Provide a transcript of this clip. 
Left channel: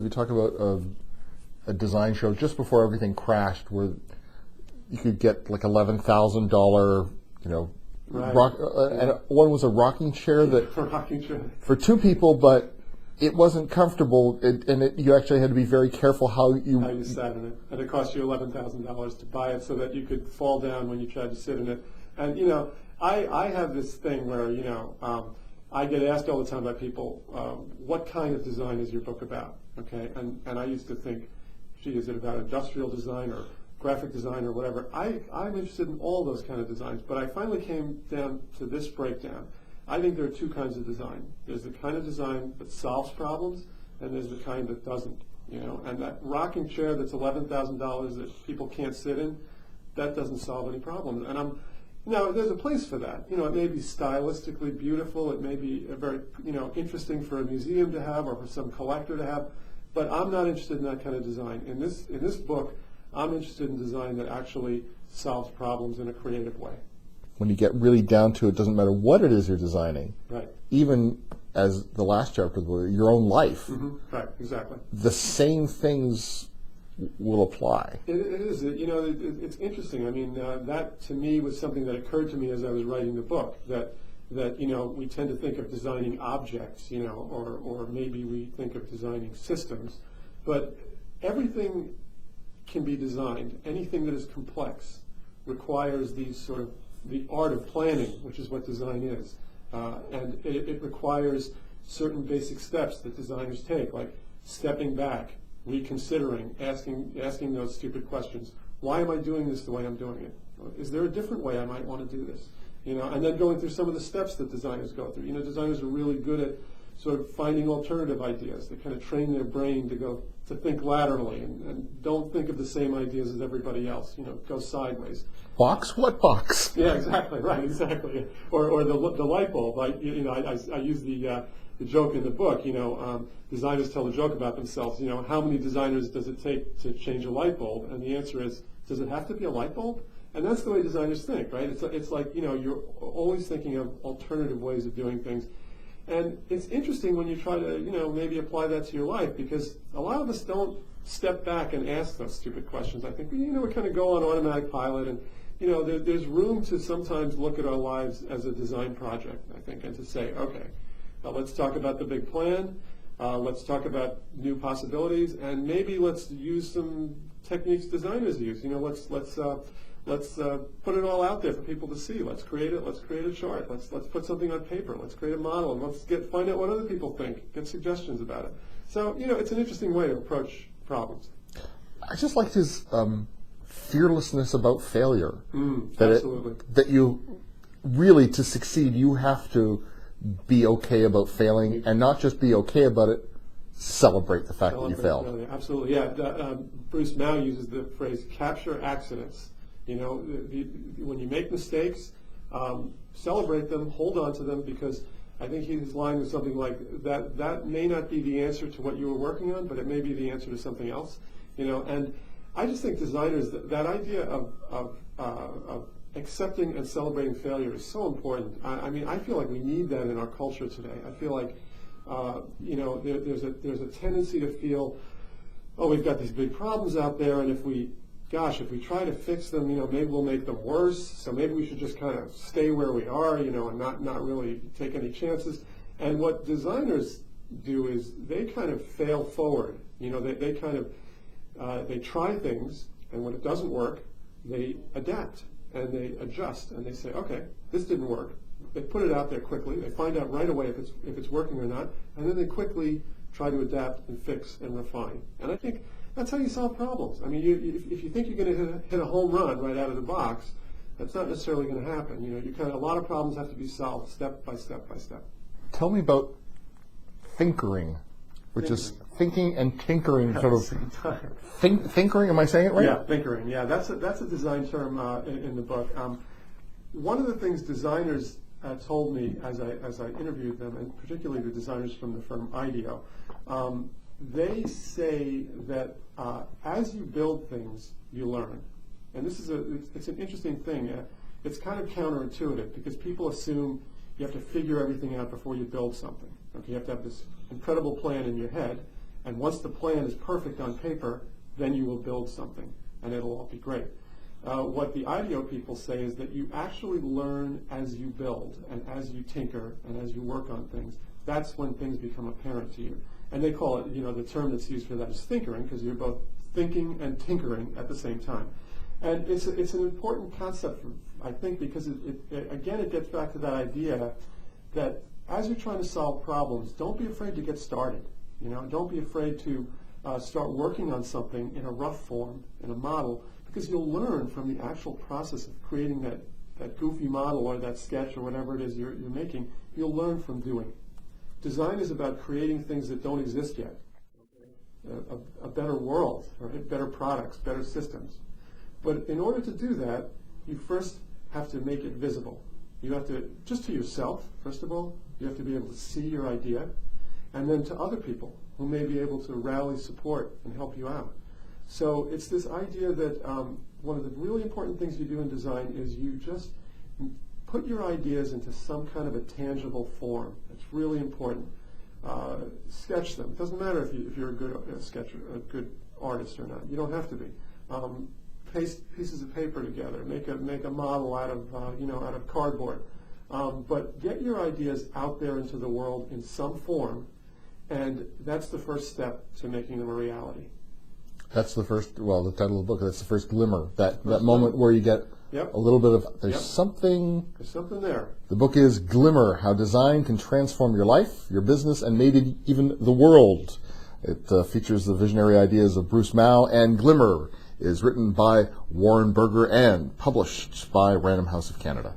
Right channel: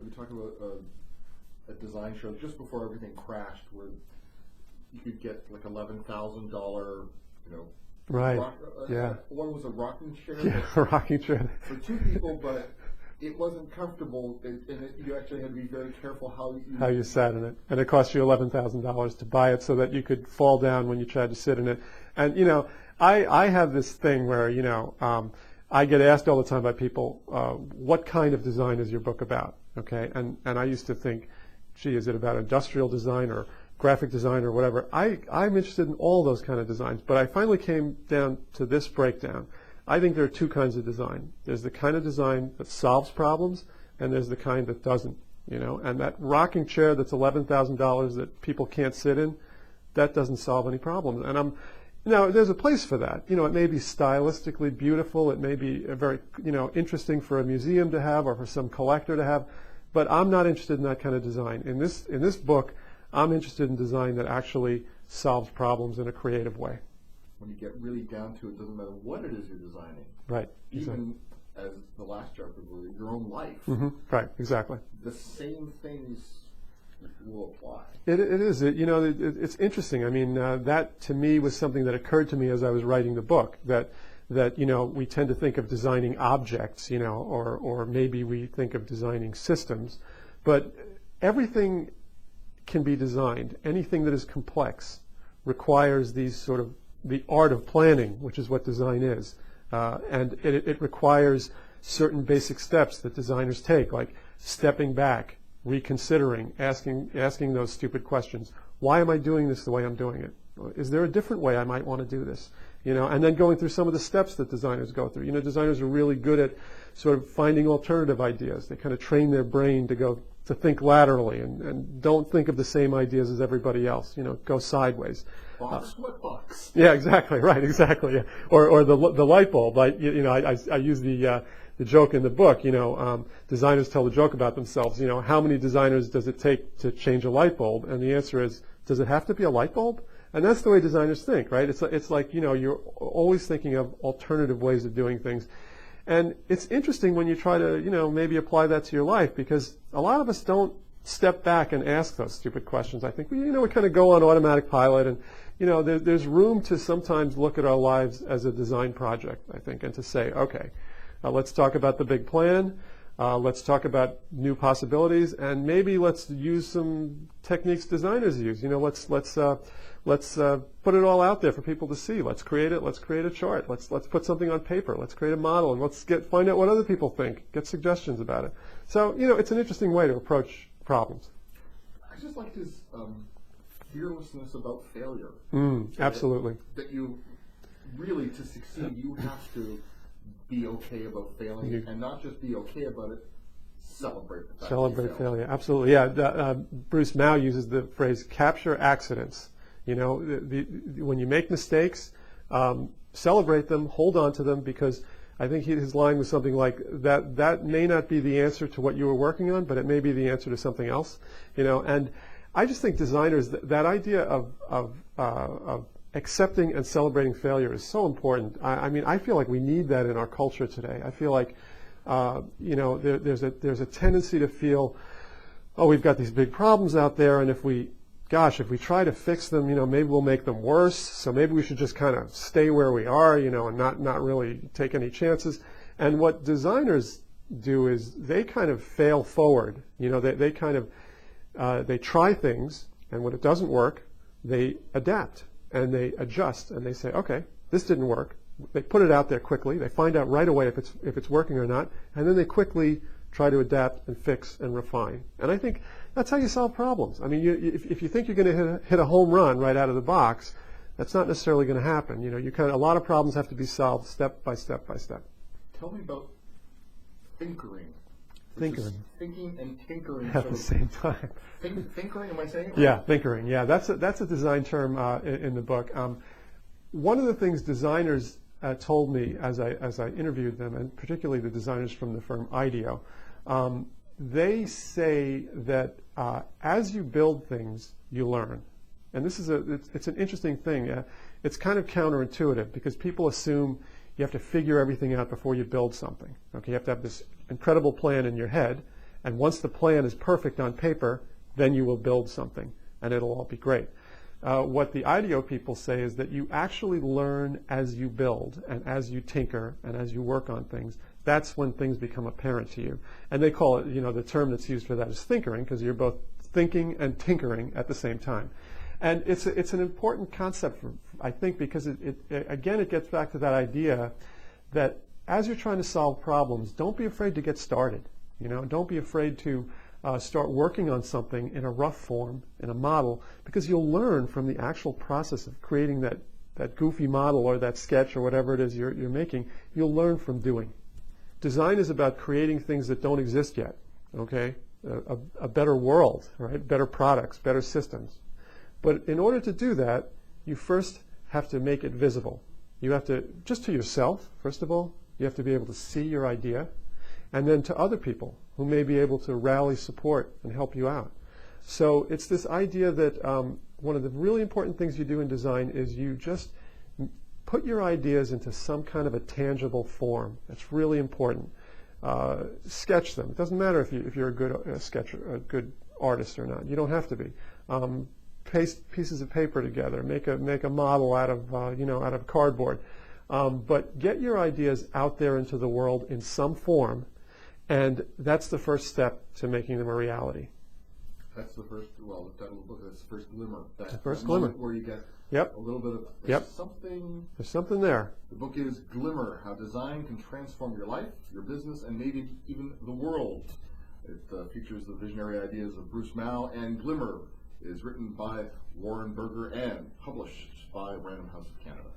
We talked about a design show just before everything crashed, where you could get like $11,000, Right. and one was a rocking chair that A rocking chair for two people, but it wasn't comfortable, you actually had to be very careful how you sat in it, and it cost you $11,000 to buy it so that you could fall down when you tried to sit in it. And I have this thing where I get asked all the time by people, what kind of design is your book about? Okay, and I used to think, gee, is it about industrial design or graphic design or whatever? I'm interested in all those kind of designs, but I finally came down to this breakdown. I think there are two kinds of design. There's the kind of design that solves problems, and there's the kind that doesn't. And that rocking chair that's $11,000 that people can't sit in, that doesn't solve any problem. And there's a place for that. It may be stylistically beautiful. It may be a very, interesting for a museum to have or for some collector to have. But I'm not interested in that kind of design. In this book, I'm interested in design that actually solves problems in a creative way. When you get really down to it, doesn't matter what it is you're designing. Right. Even as the last chapter, your own life. Mm-hmm. Right. Exactly. The same things will apply. It is. It's interesting. I mean, that to me was something that occurred to me as I was writing the book. That we tend to think of designing objects, or maybe we think of designing systems, but everything can be designed. Anything that is complex requires these sort of the art of planning, which is what design is, and it requires certain basic steps that designers take, like stepping back, reconsidering, asking those stupid questions. Why am I doing this the way I'm doing it? Is there a different way I might want to do this? And then going through some of the steps that designers go through. Designers are really good at sort of finding alternative ideas. They kind of train their brain to think laterally and don't think of the same ideas as everybody else. Go sideways. Box? What box? Yeah, exactly. Right, exactly. Yeah. Or the light bulb. I use the joke in the book. Designers tell the joke about themselves. How many designers does it take to change a light bulb? And the answer is, does it have to be a light bulb? And that's the way designers think, right? It's like you're always thinking of alternative ways of doing things. And it's interesting when you try to maybe apply that to your life, because a lot of us don't step back and ask those stupid questions. I think we kind of go on automatic pilot, and there's room to sometimes look at our lives as a design project, I think, and to say, okay, let's talk about the big plan. Let's talk about new possibilities, and maybe let's use some techniques designers use. Let's put it all out there for people to see. Let's create it. Let's create a chart. Let's put something on paper. Let's create a model, and let's find out what other people think. Get suggestions about it. So it's an interesting way to approach problems. I just liked his fearlessness about failure. Absolutely. That you really, to succeed, you have to be okay about failing, and not just be okay about it. Celebrate the fact that you failed. Failure. Absolutely. Yeah. Bruce Mao uses the phrase "capture accidents." When you make mistakes, celebrate them, hold on to them, because I think his line was something like that may not be the answer to what you were working on, but it may be the answer to something else. And I just think designers, that idea of accepting and celebrating failure is so important. I feel like we need that in our culture today. I feel like there's a tendency to feel, oh, we've got these big problems out there, and if we try to fix them, maybe we'll make them worse. So maybe we should just kind of stay where we are, and not really take any chances. And what designers do is they kind of fail forward. They kind of they try things, and when it doesn't work, they adapt and they adjust and they say, okay, this didn't work. They put it out there quickly. They find out right away if it's working or not, and then they quickly try to adapt and fix and refine. And I think that's how you solve problems. I mean, if you think you're going to hit a home run right out of the box, that's not necessarily going to happen. A lot of problems have to be solved step by step by step. Tell me about thinkering, which is thinking and tinkering at the same time. Thinkering, am I saying it right? Yeah, thinkering. Yeah, that's a design term in the book. One of the things designers told me as I interviewed them, and particularly the designers from the firm IDEO, they say that as you build things, you learn. And this is it's an interesting thing. It's kind of counterintuitive, because people assume you have to figure everything out before you build something. Okay, you have to have this incredible plan in your head, And once the plan is perfect on paper, then you will build something, and it'll all be great. What the IDEO people say is that you actually learn as you build and as you tinker and as you work on things. That's when things become apparent to you. And they call it, the term that's used for that is thinkering, because you're both thinking and tinkering at the same time. And it's an important concept, I think, because it gets back to that idea that as you're trying to solve problems, don't be afraid to get started. Don't be afraid to start working on something in a rough form, in a model, because you'll learn from the actual process of creating that goofy model or that sketch or whatever it is you're making. You'll learn from doing. Design is about creating things that don't exist yet, okay? A better world, right? Better products, better systems. But in order to do that, you first have to make it visible. You have to, just to yourself, first of all, you have to be able to see your idea, and then to other people who may be able to rally support and help you out. So it's this idea that one of the really important things you do in design is you just put your ideas into some kind of a tangible form. That's really important. Sketch them. It doesn't matter if you're a good sketcher, a good artist or not. You don't have to be. Paste pieces of paper together. Make a model out of cardboard. But get your ideas out there into the world in some form, and that's the first step to making them a reality. That's the first, the title of the book, that's the first glimmer, that First moment glimmer. where you get a little bit of, there's something. There's something there. The book is Glimmer, How Design Can Transform Your Life, Your Business, and Maybe Even the World. It features the visionary ideas of Bruce Mao, and Glimmer is written by Warren Berger and published by Random House of Canada.